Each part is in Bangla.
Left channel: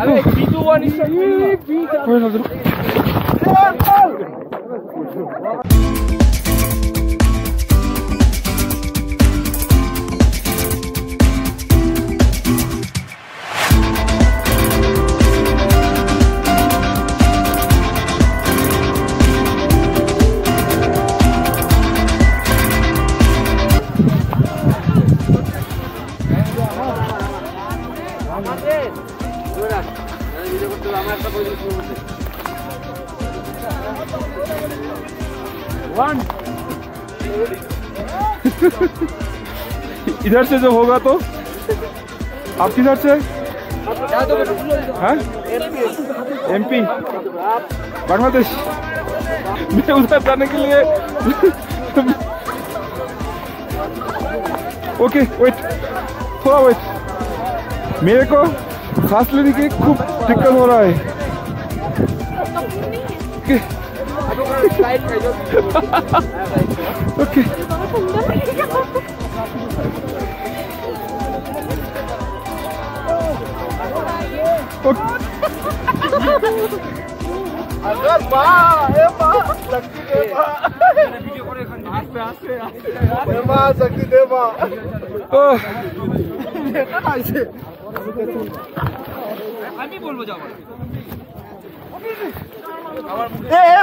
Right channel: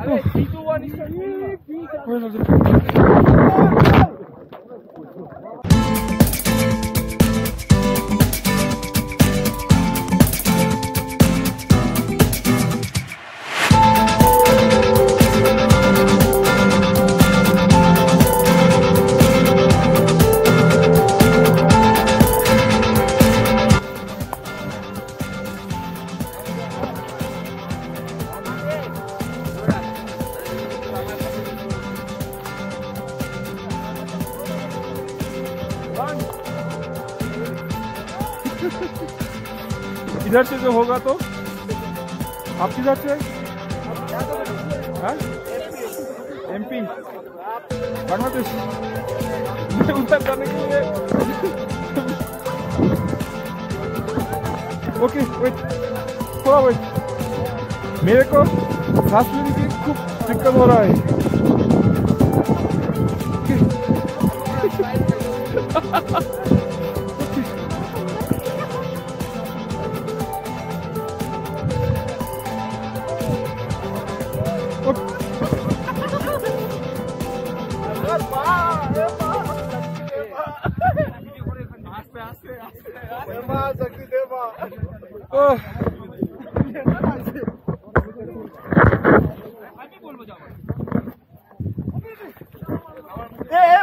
अरे B2 1 is इधर से जो होगा तो आप किधर से हैं? MP बांग्लादेश। मैं उधर जाने के लिए ओके वेट, थोड़ा वेट, मेरे को सांस लेने की खूब दिक्कत हो रहा है। ओके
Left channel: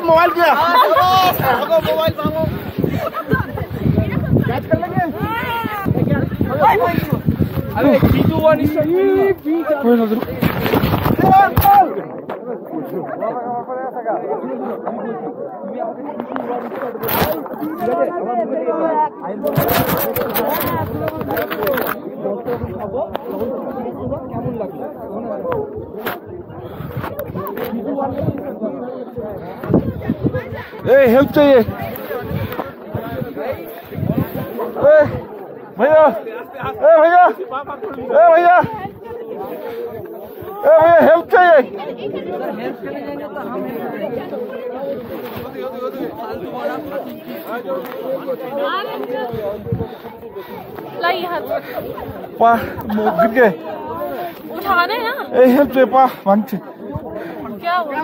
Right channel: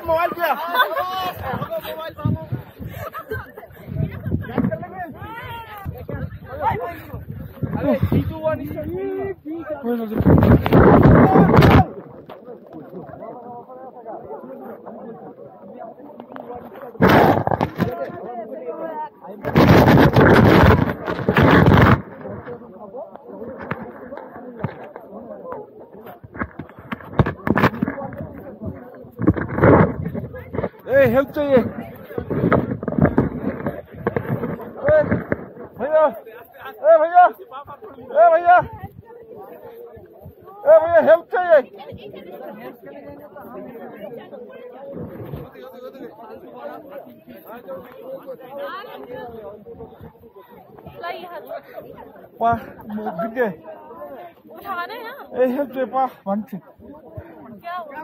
मोबाइल किया मोबाइल कर लेंगे। अरे B2 1 is हेल्प चाहिए भैया, भैया, भैया, भैया हेल्प चाहिए। पा गिर गए, उठाना है ना। हेल्प चाहिए पा वंच क्या हुआ?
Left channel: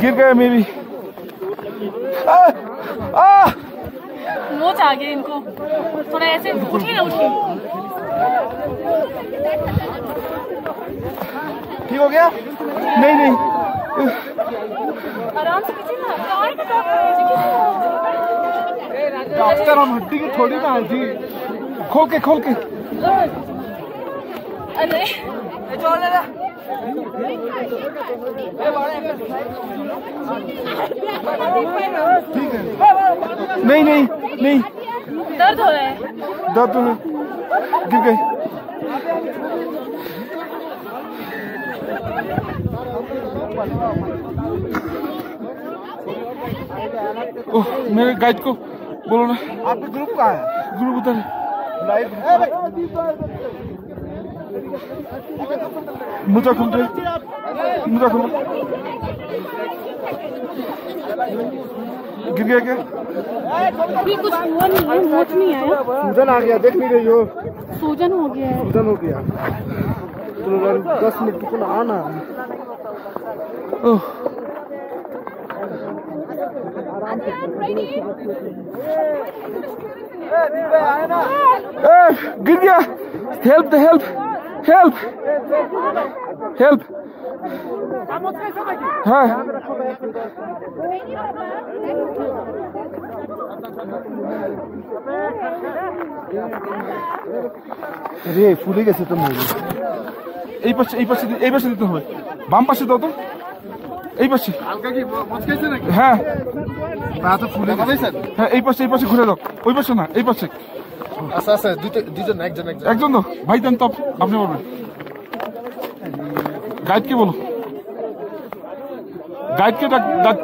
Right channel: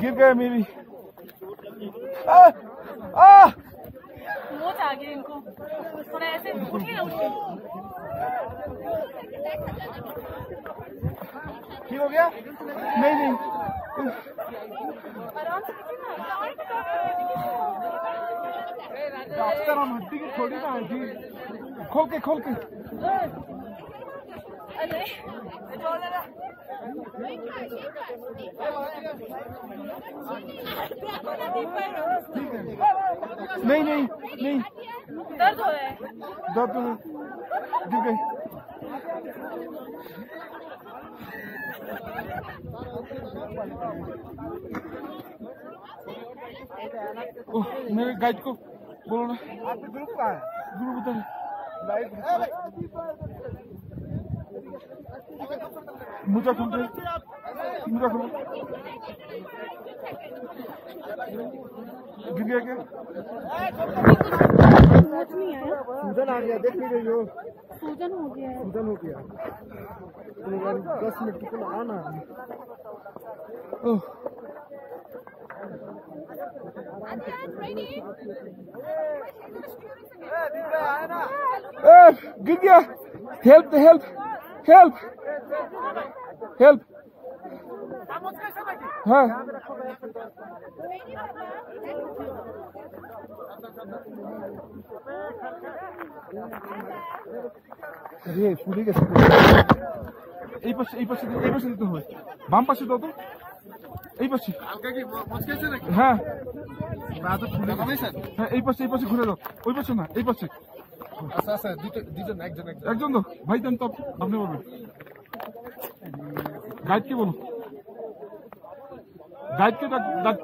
गिर गए मेरी। मोच आ गया इनको, थोड़ा ऐसे उठिए ना, उठिए। ठीक हो गया? नहीं नहीं आराम से कीजिए ना, गाय का डॉक्टर हम हड्डी की थोड़ी ना हड्डी खोल के अरे ठीक है। नहीं दर्द हो रहा है। दर्द गिर गए। ओह मेरे गाइड को बोलो ना। आपका ग्रुप कहाँ है? ग्रुप उधर है। मुझे खुल गिर गया क्या? अभी कुछ हुआ नहीं, मोच नहीं आया। सूजन आ गया, देख नहीं रही हो? सूजन हो गया है। सूजन हो गया। तो 10 मिनट को आना। ओह गिर गया। हेल्प हाँ अरे ফুলে গেছে তো। এই পাশে দিতে হবে। বাম পাশে দাও তো। এই পাশে হালকা কি মচকেছে নাকি? হ্যাঁ পা তো ফুলে গেছে স্যার। হ্যাঁ এই পাশে ঘুরে দাও। ওই পাশে না, এই পাশে। আচ্ছা একজন তো ভাই দেন তো, আপনি বলবেন। গাইডকে বলো,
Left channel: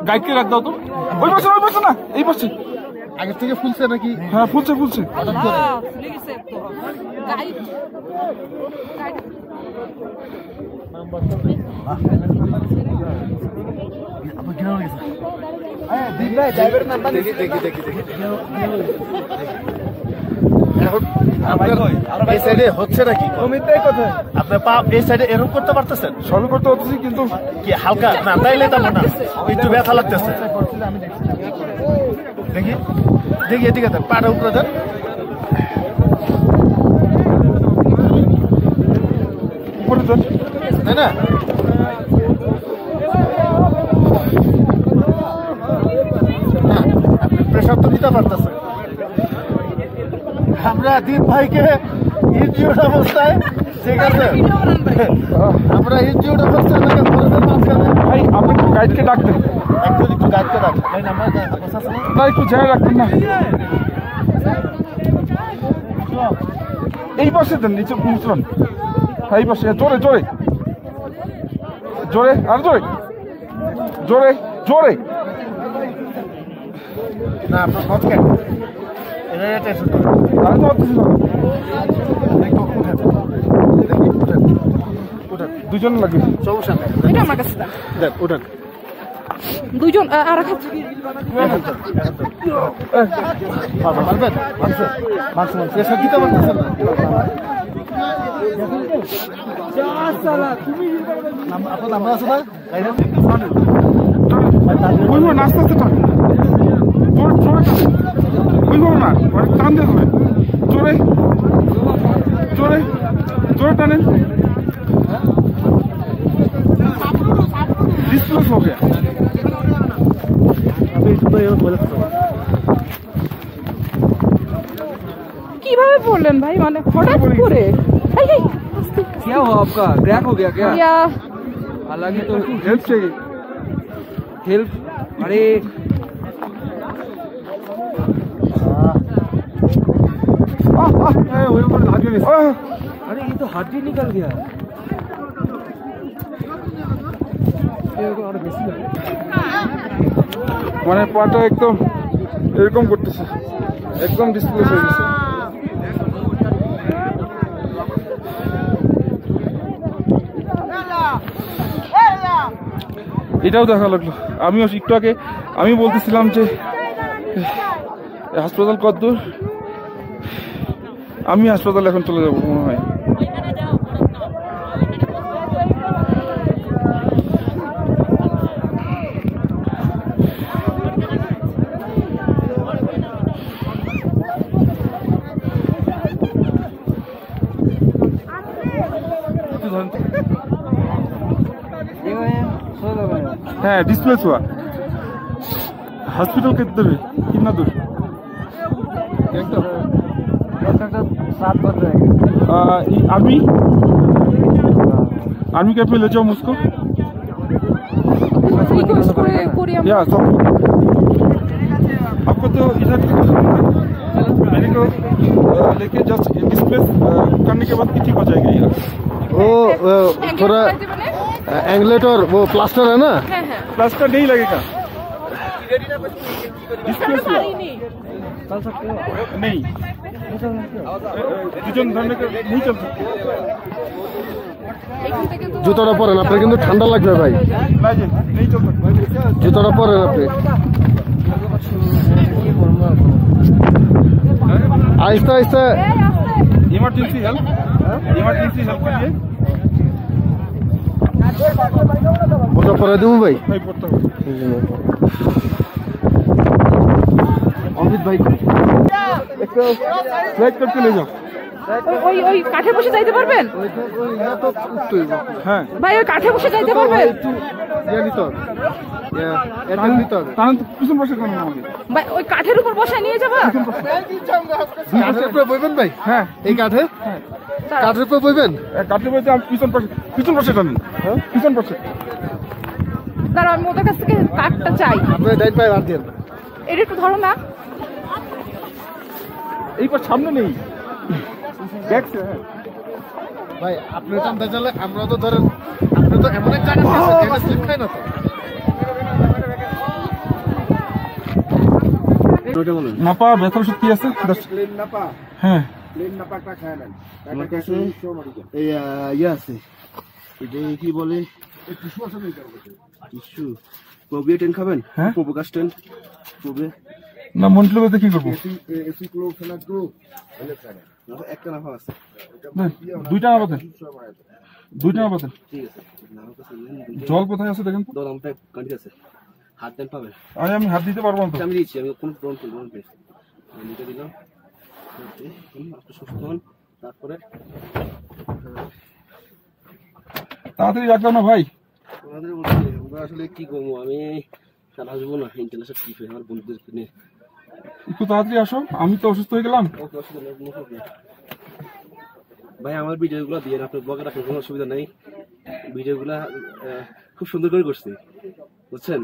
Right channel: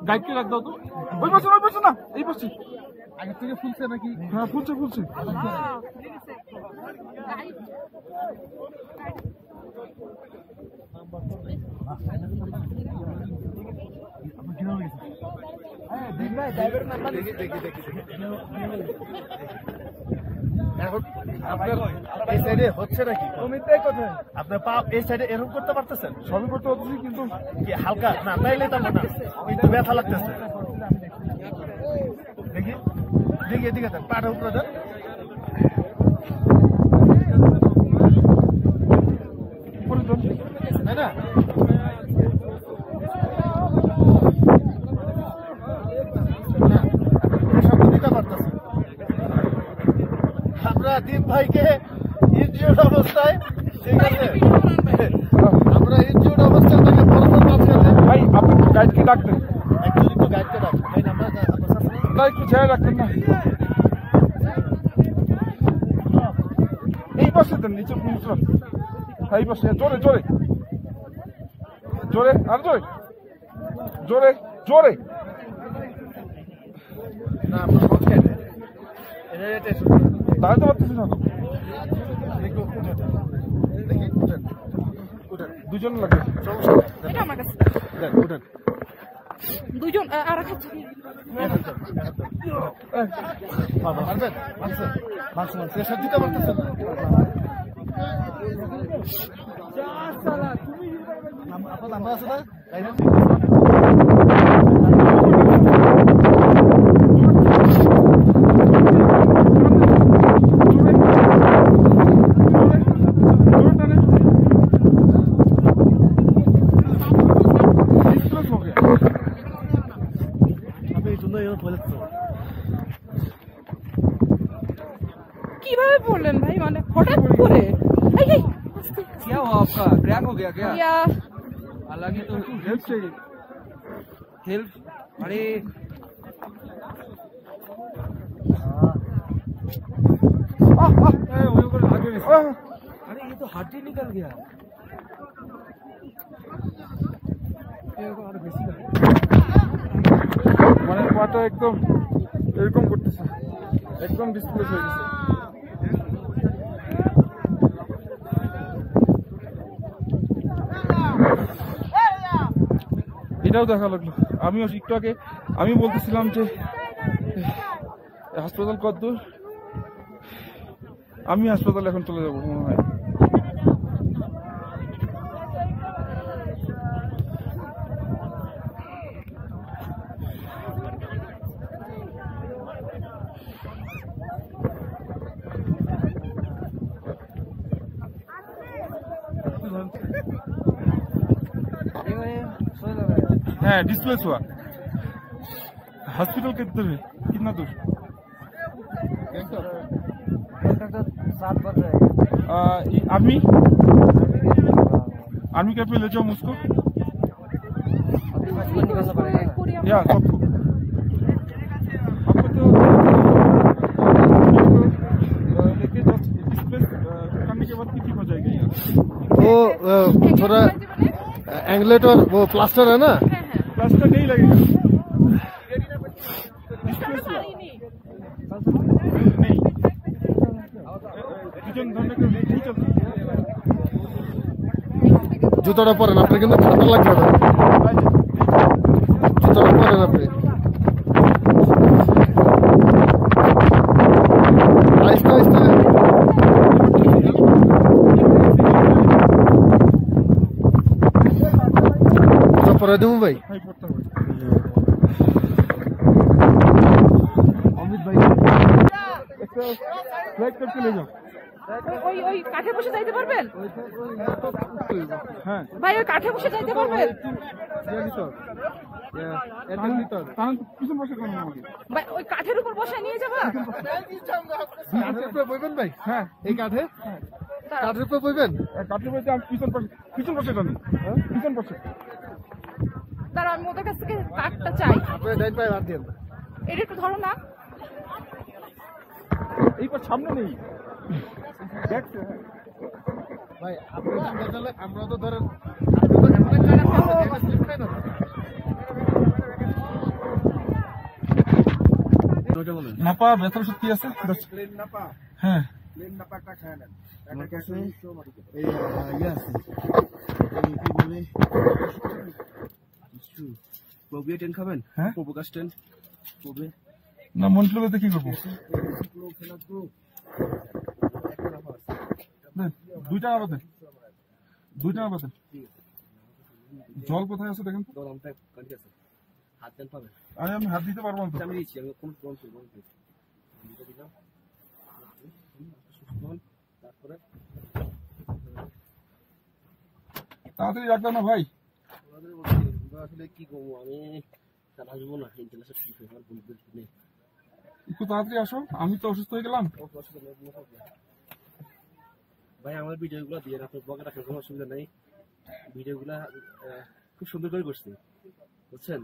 গাইডকে ডাক দাও তো। ওই পাশে না, এই পাশে। আগে থেকে ফুলছে নাকি? হ্যাঁ ফুলছে এই সাইডে হচ্ছে নাকি আপনার পা এই সাইডে এরকম করতে পারতেছেন? সবই করতে হচ্ছে কিন্তু কি হালকা না তাইলে তেমন না, একটু ব্যথা লাগতেছে। দেখি দেখি এদিকে দেন, পাটা উপরে দেন। উপরে দেন, তাই না? প্রেশার তো দিতে পারতেছে। আমরা দীপ ভাইকে ইনজিওর্ড অবস্থায়, ঠিক আছে, আমরা ইনজিওর্ড অবস্থায় তাকে বরফের মাঝখানে ভাই আপনি গাইডকে ডাকতেন একটু একটু গাইডকে ডাক ভাই, আমরা না, একটু যায় রাখতেন না। এই পাশে দেন, নিচে মুসলাম। হ্যাঁ এই পাশে, জোরে জোরে জোরে, আর জোরে জোরে জোরে। না আপনার হটকে এটা আমি তো পারতেছি না। দুজন লাগে, সমস্যা নেই, এটা আমার কাছে দাও। দেন উঠেন। দুইজন আর এক হাত। পারবেন? প্রেশার দিতে পারতেছেন না? আপনার নাম্বার আছে না? জোরে জোরে জোরে টানেন। ডিসপ্লেস हो गया। কিভাবে পড়লেন ভাই, মানে হঠাৎ করে? এই, এই, क्या हुआ आपका? क्रैक हो गया क्या? ইয়া, हालांकि तो हेल्प चाहिए, हेल्प। अरे अरे ये तो हड्डी निकल गया। মানে পাটা একদম এরকম করতেছে, একদম ডিসপ্লেস হয়ে গেছে। এটাও দেখা লাগলো। আমিও একটু আগে আমি বলতেছিলাম যে হাসপাতাল কতদূর, আমি হাসপাতালে এখন চলে যাবো মনে হয়। हाँ डिस्प्लेस हुआ। हॉस्पिटल कितने दूर है, कितना दूर? 7 बज रहे हैं। आर्मी आर्मी कैंप में ले जाओ मुझको। রিকোয়েস্ট করি আমরা। या सब आपको तो मेरे को लेके जस्ट डिस्प्लेस करने के बाद ठीक हो जाएगा ये। वो थोड़ा एंगलेट और वो प्लास्टर है ना, হ্যাঁ হ্যাঁ, प्लास्टर नहीं लगेगा, डिस्प्लेस हुआ পারিনি। नहीं। দুজন ধরনে नहीं चल सकते। এখান থেকে তো জুতোটা পরেন, আপনার কিন্তু ঠান্ডা লাগবে ভাই, नहीं चल জুতোটা পরেন আপনি। आहिस्ता आहिस्ता इमरजेंसी हेल्प के लिए জুতো পরে দেবো ভাই। नहीं पड़ता है। অমিত ভাই फ्लैग करके ले जाओ। ওই ওই কাঠে বসে যাইতে পারবেন হ্যাঁ ভাই? ওই কাঠে বসে যাইতে পারবেন কারণ পিছন বসে কেন আমাকে? ভাই? ওই কাঠের উপর বসে নিয়ে যাবা? কাঠের উপরে বইবেন ভাই? হ্যাঁ এই কাঠে কাঠের উপরে বইবেন? কাটতে বলতে আমি পিছন বসে টানেন। হ্যাঁ পিছন বসে। দাঁড়াও, আমি ওদের কাছ থেকে কাঠটা চাই। আপনার ডাইন পায়ে হাত দিয়ে এটা একটু ধরো না। এইবার সামনে নেই দেখছে। হ্যাঁ ভাই, আপনি টানতে চাইলে আমরা তো ধরেন, আপনি তো এমন একটা কাঠ আছে যেটা স্লিপ খায় না তো। নাপা ব্যথার ওষুধ কি আছে? হ্যাঁ আমার কাছে এই ইয়ে আছে, এটা কি বলে, টিস্যু। প্রোবিয়া 10 খাবেন? হ্যাঁ প্রোবোকাস 10 প্রোবিয়া না মন্টলোতে কি করবো এসি ক্লো ফেলা গ্রো একটা নাফা আছে দুইটা না বাতেন দুইটা না বাতেন ঠিক আছে নাও তো শুনলেন জল কোথায় আছে দেখেন তো দলামটা কাটি আছে হাত দেন পাবেন আমি হাত দিতে পারবো না তো আমি দিচ্ছি আমি কোন ড্রোন পেয়েছি আমি এটা দিলাম আপনি সুস্থ হন তারপরে তাড়াতাড়ি রাখলাম না ভাই আমাদের বলছি আমরা আসলে কি করবো আমি কাল আসবো না ইন্টারন্যাশনাল ট্রিপে আমার বন্ধুদের নিয়ে একটু তাড়াতাড়ি আসো আমি তো অসুস্থ হয়ে গেলাম ওকে অসুবিধা নেই কোনো প্রবলেম ভাই আমার ভিডিওগুলো দিয়ে আপনার ব্লগে রাখেন কোনো অসুবিধা নেই ভিডিওগুলো খুব সুন্দর করে করছি বুঝছেন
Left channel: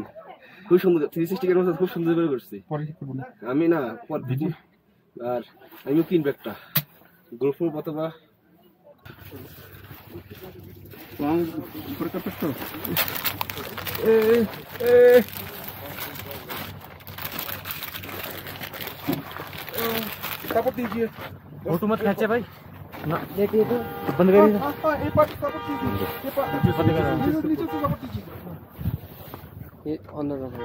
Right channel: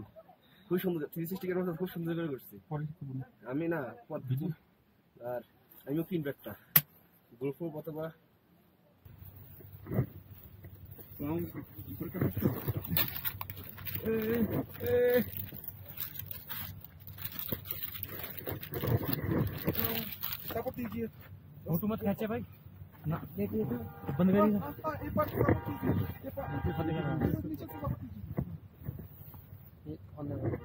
খুব সুন্দর 360 এর মধ্যে খুব সুন্দর করে করছি পরে কি করবো আমি না পর ভিডিও আর আমিও কিনবো একটা গ্রুপ অথবা सपोर्ट दीजिए फोटो मत खींचे भाई ना देखिए तो बंद कर दीजिए ये पार्ट सपोर्ट दीजिए ये पार्ट नीचे से सपोर्ट दीजिए ये अंदर रखो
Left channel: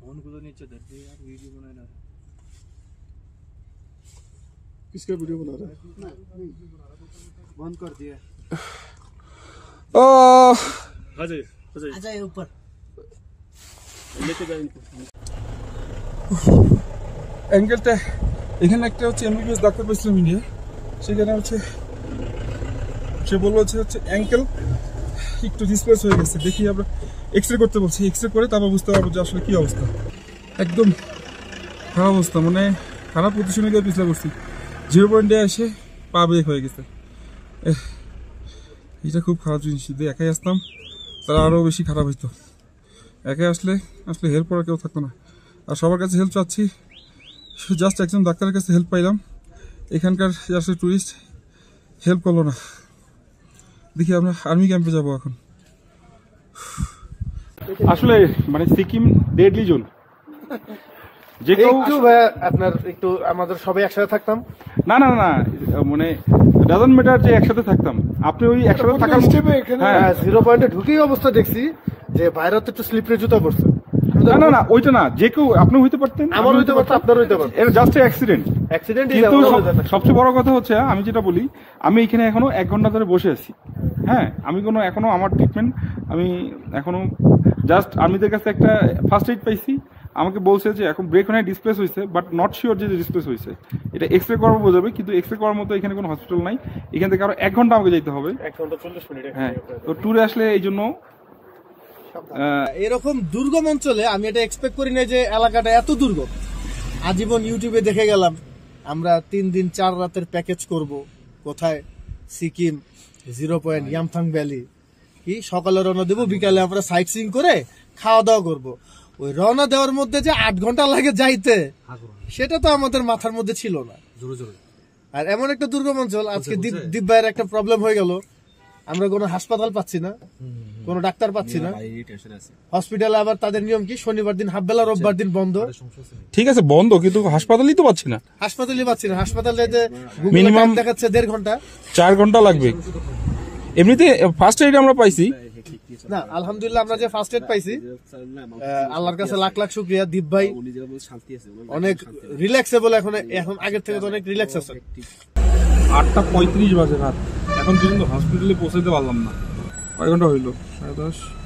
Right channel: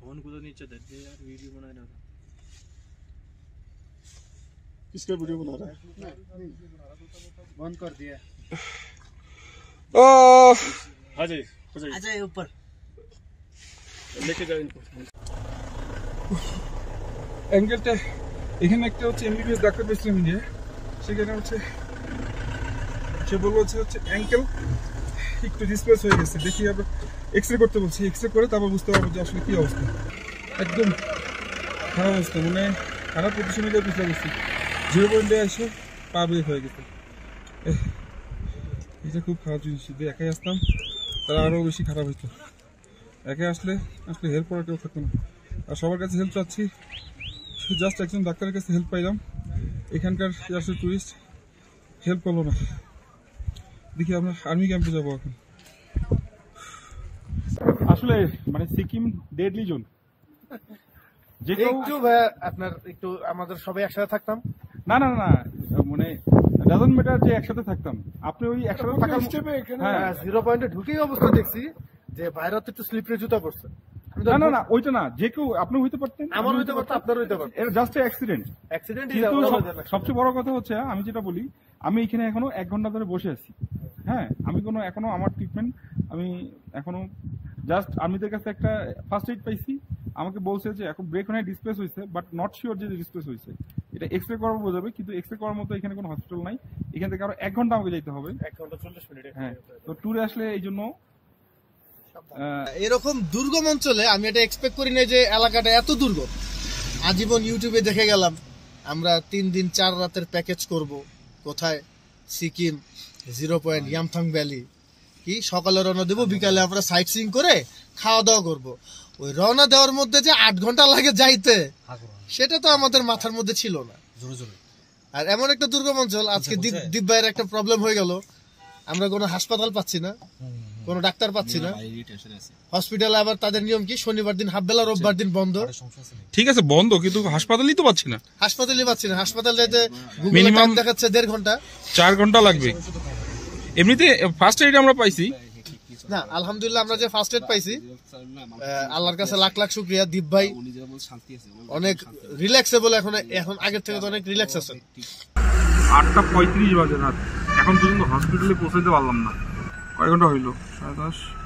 फोन को तो नीचे धर दे यार वीडियो बना रहा किसका वीडियो बना रहा है बंद कर दिया आ जाए ऊपर लेके जाओ इनको অ্যাঙ্গেলটা এখানে একটা হচ্ছে এমবিবিএস ডাক্তার পেয়েছিলাম ইন্ডিয়া সেখানে হচ্ছে সে বললো হচ্ছে অ্যাঙ্কেল একটু ডিসপ্লেস হয়ে গেছে দেখি আমরা এক্সরে করতে বলছি এক্সরে করে তারপর বুঝতে পারবো যে আসলে কি অবস্থা একদম খারাপ অবস্থা মানে খারাপ পজিশনে গিয়ে পিছলে বসছি 0 পয়েন্টে এসে পা বের হয়ে গেছে এটা খুব খারাপ জিনিস যদি একাই আসতাম তারা আরও বেশি খারাপ হইতো একাই আসলে হেল্প করার কেউ থাকতো না আর সবার কাছে হেল্প চাচ্ছি জাস্ট একজন ডাক্তারের কাছে হেল্প পাইলাম এখানকার আসলে টুরিস্ট হেল্প করলো না দেখি আমরা আর্মি ক্যাম্পে যাবো এখন আসলে মানে সিকিম ডেডলি জোন যে কেউ একটু ভাইয়া আপনার একটু আমাদের সবাই একসাথে থাকতাম না না না মানে ডাজন্ট ম্যাটার যে একসাথে থাকতাম আপনি ওই একসাথে থাকার হ্যাঁ 0 পয়েন্টে ঢুকেই অবস্থা দেখছি যে বাইরে তো একটু স্লিপারি জুতা পড়ছে না না না ওইটা না যে কেউ আপনি হইতে পারতেন আমার হইতে পারতো আপনার হইতে পারতো এটা জাস্ট অ্যাক্সিডেন্ট কিন্তু সবচেয়ে বড় কথা হচ্ছে আমি যেটা বলি আমি এখানে এখনো 1 ঘন্টা ধরে বসে আছি হ্যাঁ আমি এখনো আমার ট্রিটমেন্ট আমি এখনো জাস্ট আর্মিদের কাছে একটা ফার্স্ট এইড পাইছি আমাকে বলছে যে এখন ব্রেক হয় ডিসপ্লেস হয়েছে বাট নট শিওর যে ডিসপ্লেস হয়েছে এটা এক্সরে করার বোঝাবে কিন্তু এক্সরে করার মতো এখানে কোনো হসপিটাল নাই এখান থেকে আরো 1 ঘন্টা আমাকে যেতে হবে 1 ঘন্টা 40 মিনিট হ্যাঁ তো ট্যুরে আসলে এই জন্য এরকম দুর্গম অঞ্চলে আমি এটা এক্সপেক্ট করি না যে এলাকাটা এত দুর্গম আজীবন ইউটিউবে দেখে গেলাম আমরা 3 দিন 4 রাতের প্যাকেজ করব কোথায় সিকিম 0 পয়েন্ট ইয়ামথাং ভ্যালি কি সকালে রওনা দেব বিকালে আমরা সাইট সিইং করে খাওয়া দাওয়া করব ওই রওনা দেওয়ার মধ্যে যে 8 ঘন্টা লাগে যাইতে সেটা তো আমাদের মাথার মধ্যে ছিল না আর এমন একটা দুর্গম অঞ্চল আজকে দীপ ভাইয়ের একটা প্রবলেম হয়ে গেল আমরা কোনো হাসপাতাল পাচ্ছি না কোনো ডাক্তার পাচ্ছি না হসপিটালে আবার তাদের নিয়ম কি শনিবার দিন হাফ বেলা রোববার দিন বন্ধ ঠিক আছে বন্ধ কিন্তু হাসপাতালই তো পাচ্ছি না হাসপাতাল যাইতে গুগলে টাইম দেখাচ্ছে 1.5 ঘন্টা 4 ঘন্টা লাগবে এমনিতে ফার্স্ট এইড আমরা পাইছি না আলহামদুলিল্লাহ আমরা যে ফার্স্ট এইড পাইছি আল্লাহর কাছে লাখ লাখ শুকরিয়া দীপ ভাই অনেক রিল্যাক্সেবল এখন আগের থেকে তো অনেক রিল্যাক্স আছে 8:35 বাজে রাত এখন পর্যন্ত হসপিটালে পৌঁছাতে পারলাম না কয় ঘন্টা হইলো 10:30